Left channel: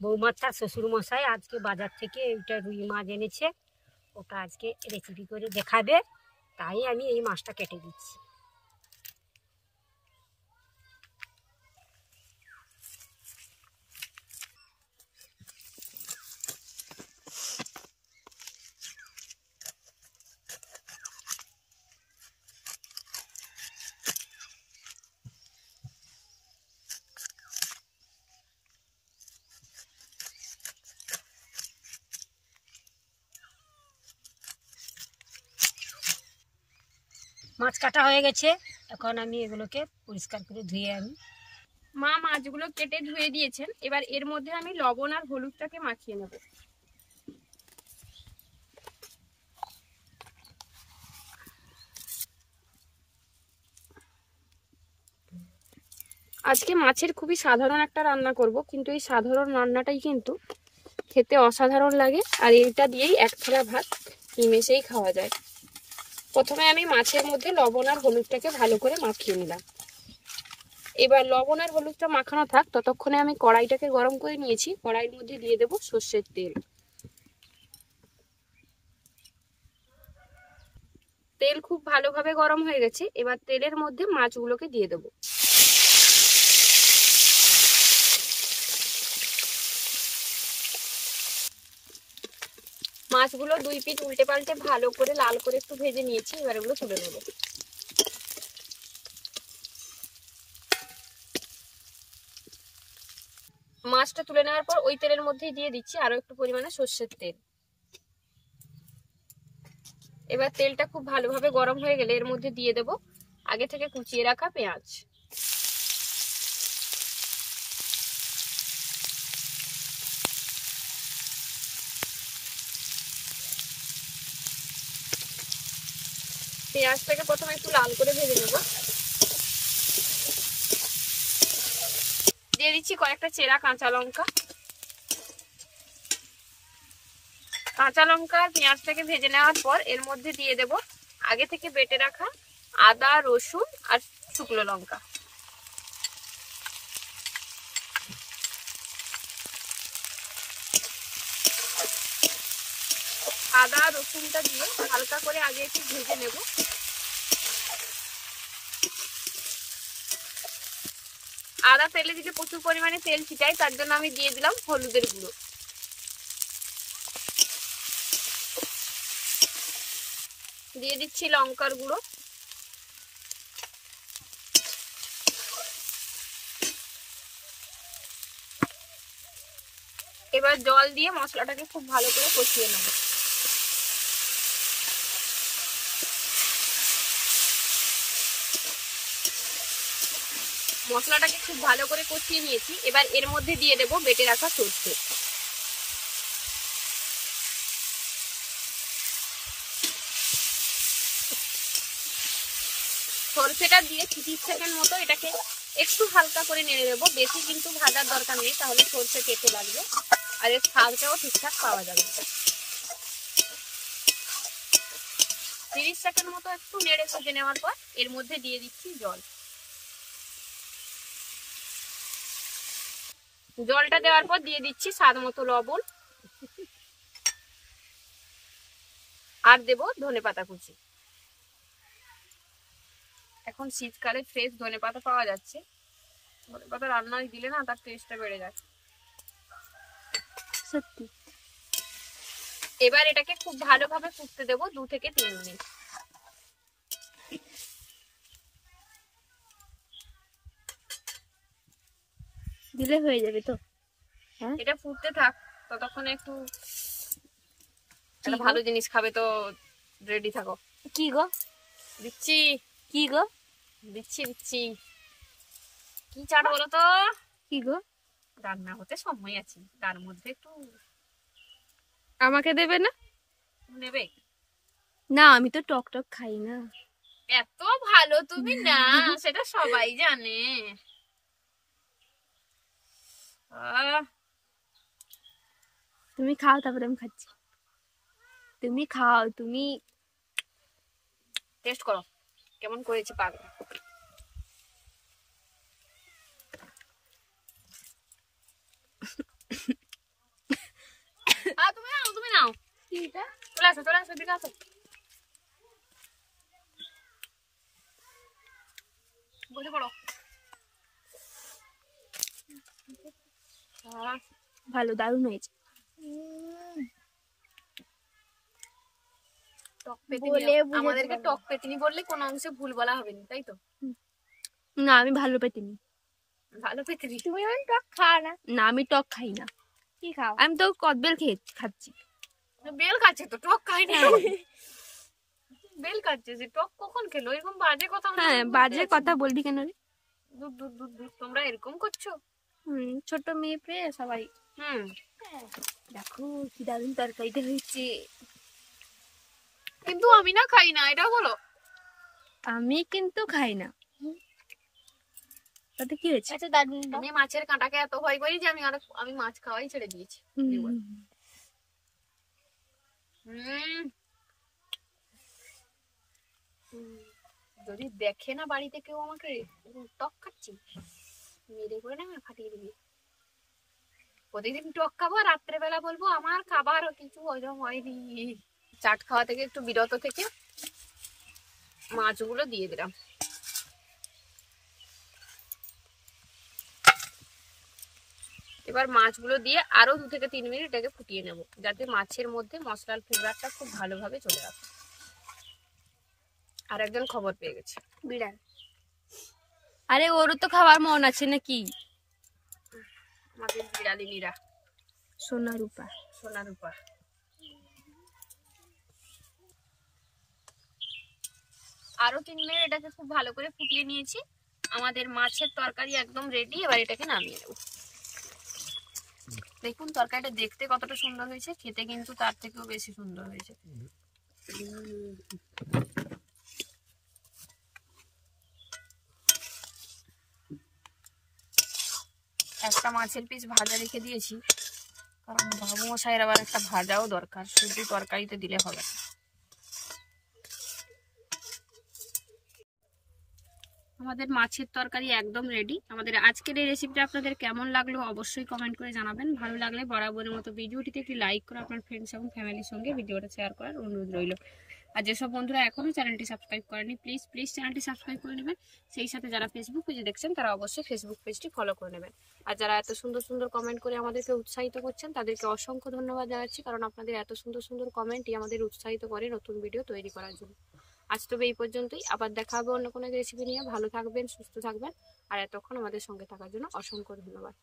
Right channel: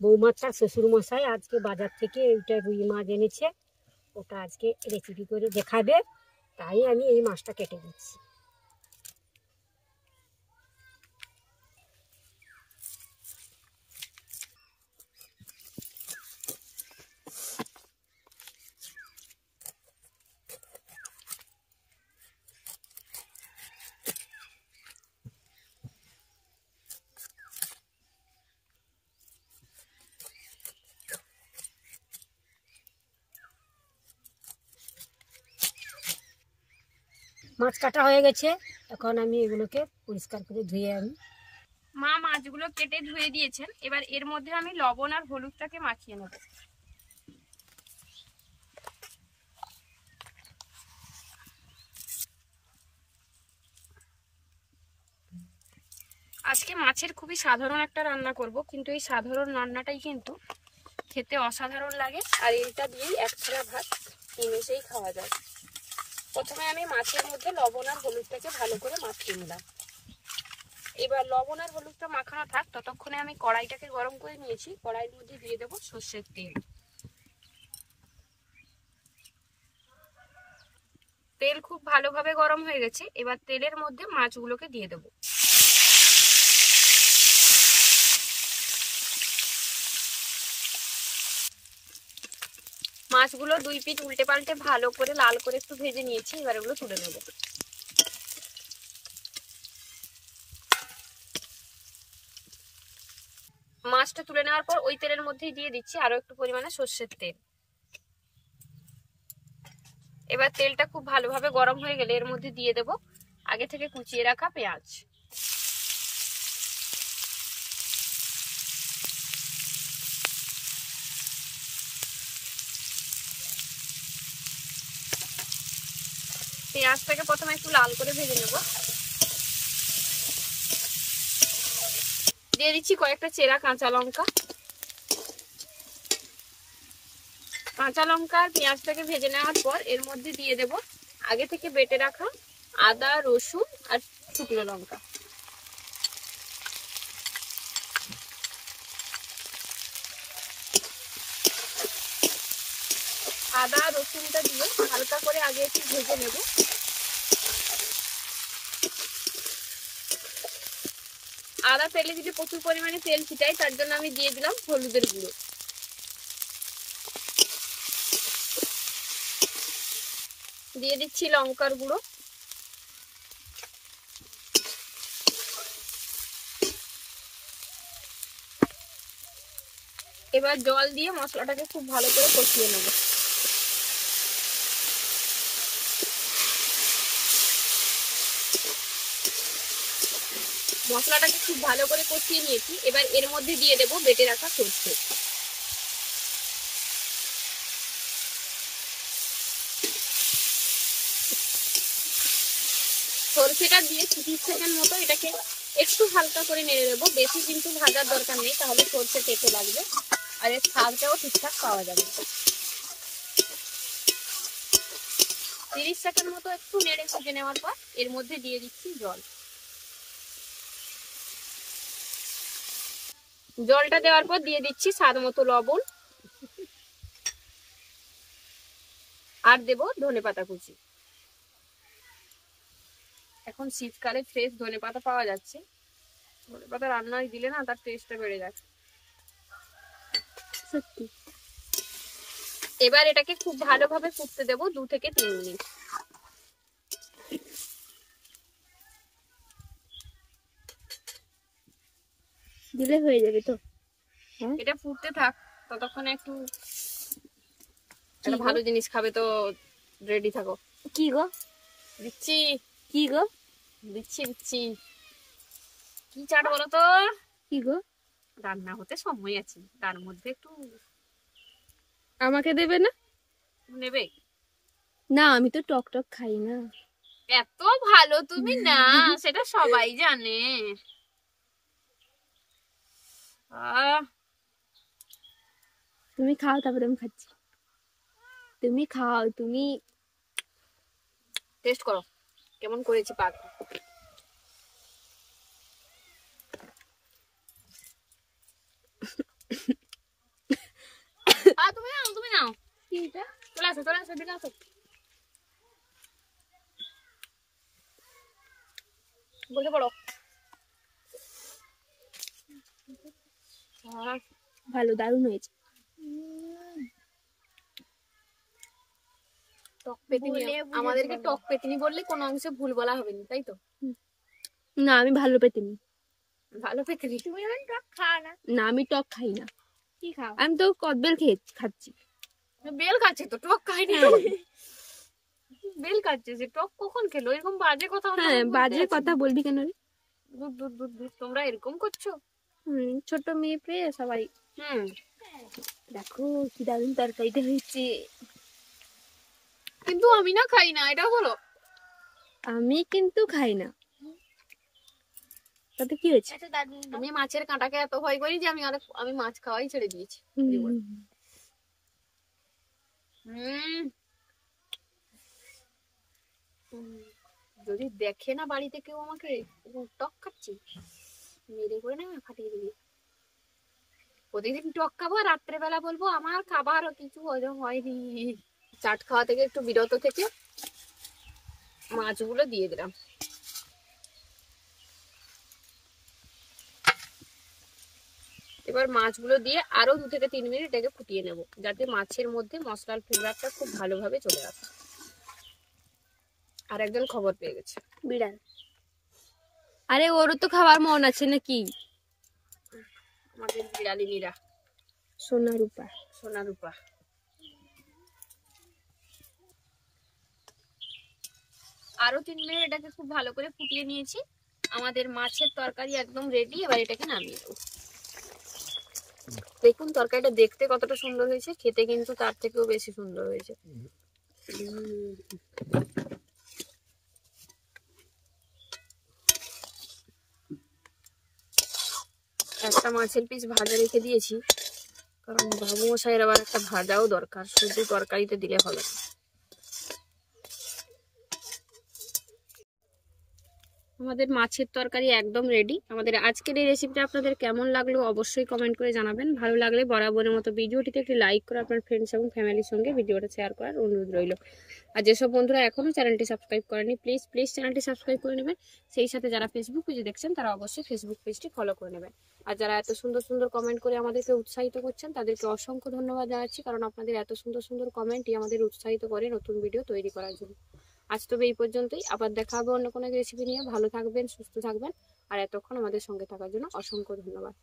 বৌমার শ্বশুর মশাই আজকে বাজার থেকে ওইটা রুই মাছ এনেছে, ওটা আজকে রেসিপি করে দেখাবে, তাই আমি এই মাছটা কেটে দিচ্ছি। মাছ কাটা হয়ে গেছে, এখন আমি এগুলোকে পরিষ্কার করে ধুয়ে আনি। মা মাছগুলো কেটে ধুয়ে দিয়েছেন, এবার এর মধ্যে আমি লবণ আর হলুদটাকে মাখিয়ে নেব। আজকে মাছের খুবই সাধারণ একটা রান্না করব, কিন্তু এই সাধারণ রান্নাটাই কিন্তু খেতে অসাধারণ লাগে, আর এটা দিয়েই এক থালা ভাত নিমেষেই খাওয়া যায়। প্রথমে আমি মাছের মধ্যে লবণ আর হলুদটাকে ভালো করে মাখিয়ে নিলাম। এবার লবণ আর হলুদটা মাখানো থাক, ততক্ষণে আমি কড়াইটাকে গরম করে নিয়েছি। কড়াইয়ের মধ্যে দিয়ে দেব সর্ষের তেল। তেল খুব ভালোভাবে গরম হয়ে গেছে, এবার তেলের মধ্যে মাছগুলোকে দিয়ে দেব। মাছগুলো দুই পিঠ উল্টে পাল্টে ভালো করে লাল করে একটু ভেজে নিয়েছি, এবার এগুলো তুলে নেব। মাছটা তুলে নেওয়ার পর ওই তেলের মধ্যেই দিয়ে দিচ্ছি আরো একটু পরিমাণে সর্ষের তেল। এবার তেলটা খুব ভালোভাবে গরম হয়ে গেলে এর মধ্যে দিয়ে দেব আগে থেকে কুচিয়ে রাখা পেঁয়াজ। পেঁয়াজটাকে প্রথমে একটু লাল করে ভেজে নেব। দিয়ে দিচ্ছি কয়েকটা চেরা কাঁচা লঙ্কা। কাঁচা লঙ্কা আর পেঁয়াজটাকে ভেজে নেওয়ার পর এর মধ্যে দিয়ে দেব আগে থেকে বেটে রাখা আদা, রসুন আর শুকনো লঙ্কা। আদা রসুনটা দিয়ে হালকা করে আগে একটু ভেজে নেব। আদা তেলে যদি প্রচুর পরিমাণে তেল ছিটাই, তার জন্য আমি দিয়ে দিলাম হলুদের গুঁড়ো। দিয়ে দিচ্ছি লঙ্কার গুঁড়ো। এবার জল দিয়ে মশলাটাকে খুব ভালো করে কষিয়ে নেব। মশলাটাকে খুব ভালো করে কষিয়ে নিয়েছি, এবার এর মধ্যে দিয়ে দেব বেটে রাখা সরষে। সরষেটা দিয়ে 30 সেকেন্ড মতো এটাকে একটু হালকা করে নেড়ে দেবো। বেশি কিন্তু ভাজার দরকার নেই, তাহলে সরষে কেটে লাগবে আর এর স্বাদটাও ঠিকঠাক পাওয়া যাবে। 30 সেকেন্ড মতো একটু নেড়ে ভেজে নেওয়ার পর এর মধ্যে দিয়ে দিচ্ছি জল। জলটা দেওয়ার পর দিয়ে দিচ্ছি স্বাদ মতো লবণ আর দেব ধনেপাতা কুচি। এখন শীতকালে ফ্রেশ ধনেপাতা পাওয়া যাচ্ছে, ধনেপাতা রান্নায় দিলে না তার টেস্টটা বেড়ে যায় সত্যি। এবার এটাকে খুব ভালোভাবে ফুটতে দেব 2 থেকে 3 মিনিট। দিলে হয়ে যাবে তো। এটা ফুটতে থাক, ততক্ষণে একটু একটা ভালো জিনিস খাবে তো রেডি থাকো। কি গো দিচ্ছি? কি গো দিচ্ছি দিচ্ছি। কি চাট বলো তো? কি গো? রান্না হতে সময় আছে, তার মধ্যে একটু আমাকে দেবে না? নেবে না, আমি তো টক টক খাই না। এত ভালো তুমি না, সেটা সবাই জানে। তুমি খাও, তারপরে আমি খাচ্ছি। তুমি খাও, তুমি টেস্ট করো কেমন করেছি পাক। কি এটা? চলে আসো এদিকে আসো। বসে পড়ো। ভালো, দারুণ হয়েছে। টক পেতিনি, আমাদেরকে টক পেতিনি বললে কোনো অংশে ভুল বলা হবে না, তাই তো? না, আমি ভালো পেতিনি। ভালো পেতিনি। তুমি টক খাও না? না, আমি টক খাই না। কি খাও? আমি তো কদবেল খাচ্ছি। বেল খাচ্ছে তো, টক খাইনি। বেল খাচ্ছে, যে টক কখন খেলো? এরকম বাজে কথা। হ্যাঁ, বাজে কথা বলবি কেন রে? দুধ তোমরা এরকম করছো? ছোট মেয়ে পেয়ে সবাই। দেখো কি দারুণ তরকারিটা হয়েছে। কিন্তু আমি না খাই না, এটা বলো। আমি কিন্তু খাই না, তাতে কি হয়েছে? আমি মাছের কাঁটাকে এত ভয় করি যে আমি মাছ খাওয়াই ছেড়ে দিয়েছি। যদি দেখে না বাড়িতে কেউ আমাকে টক খাচ্ছি, মেরে করে না ফাটিয়ে দিবি। প্রতিদিন টক খাবো, রাত্রেবেলা বলবো আমার খাবারও কিছু হজম হয়নি। চাট খাওয়া থেকে একটু বিরত থেকে মাছগুলো দিয়ে দিলাম। এবার মাছগুলো দিয়ে আরো 2 থেকে 3 মিনিট এটাকে ফুটিয়ে নেব, যাতে মাছের মধ্যে মশলার ফ্লেভারটা খুব ভালোভাবে চলে আসে। আর একজন খবর পেয়ে গেছে, বিড়াল। আরে ওরও তো খাবার মন আছে নাকি? আমাদের বিড়ালিনীরা সোনা রূপা। আরো 3 মিনিট এটাকে খুব ভালো করে ফুটিয়ে নিয়েছি। আমাদের মাছের তরকারি একদম রেডি। এবার এটাকে নামিয়ে দেবো। দেখুন তরকারিটা দেখতে কতটা সুন্দর হয়েছে, খেতে কিন্তু তার থেকেও বেশি সুন্দর হয়েছে। একটা মাছের পিস ভাজা রেখে দিয়েছি, কারণ বাবু মশাইয়ের আবার একটা ভাজাও দরকার, শুধু তরকারিতে দিলে হবে না। আমাদের মাছের তরকারি একদম রেডি। আমাদের আজকের এই রেসিপিটা আপনাদের কেমন লাগলো অবশ্যই কমেন্ট করে জানাবেন। ভালো লাগলে বরাবরের মতো ভিডিওটিতে একটি লাইক করে আপনার ফ্রেন্ডস এবং ফ্যামিলির সঙ্গে ভিডিওটা শেয়ার করার অনুরোধ রইল। আর যেসব বন্ধুরা এখনও চ্যানেলটি সাবস্ক্রাইব করেনি, প্লিজ চ্যানেলটি সাবস্ক্রাইব করে নেবেন। সেই সাথে যারা ফেসবুক পেজে দেখছেন তারা অবশ্যই ফেসবুক পেজটি ফলো করে নেবেন। আর যারা এত সুন্দর সুন্দর কমেন্ট করে আমাদেরকে উৎসাহিত করছেন তাদেরকে অসংখ্য ধন্যবাদ জানাচ্ছি, কারণ আপনাদের এত সুন্দর সুন্দর কমেন্টই আমাদের উৎসাহিত করে নতুন ভিডিও তৈরি করার জন্য। আজ তবে এই পর্যন্তই, আবার দেখা হবে অন্য কোনো রেসিপি নিয়ে। ভালো থাকবেন, সুস্থ থাকবেন, আর এতক্ষণ আমাদের সঙ্গে থাকার জন্য অসংখ্য ধন্যবাদ।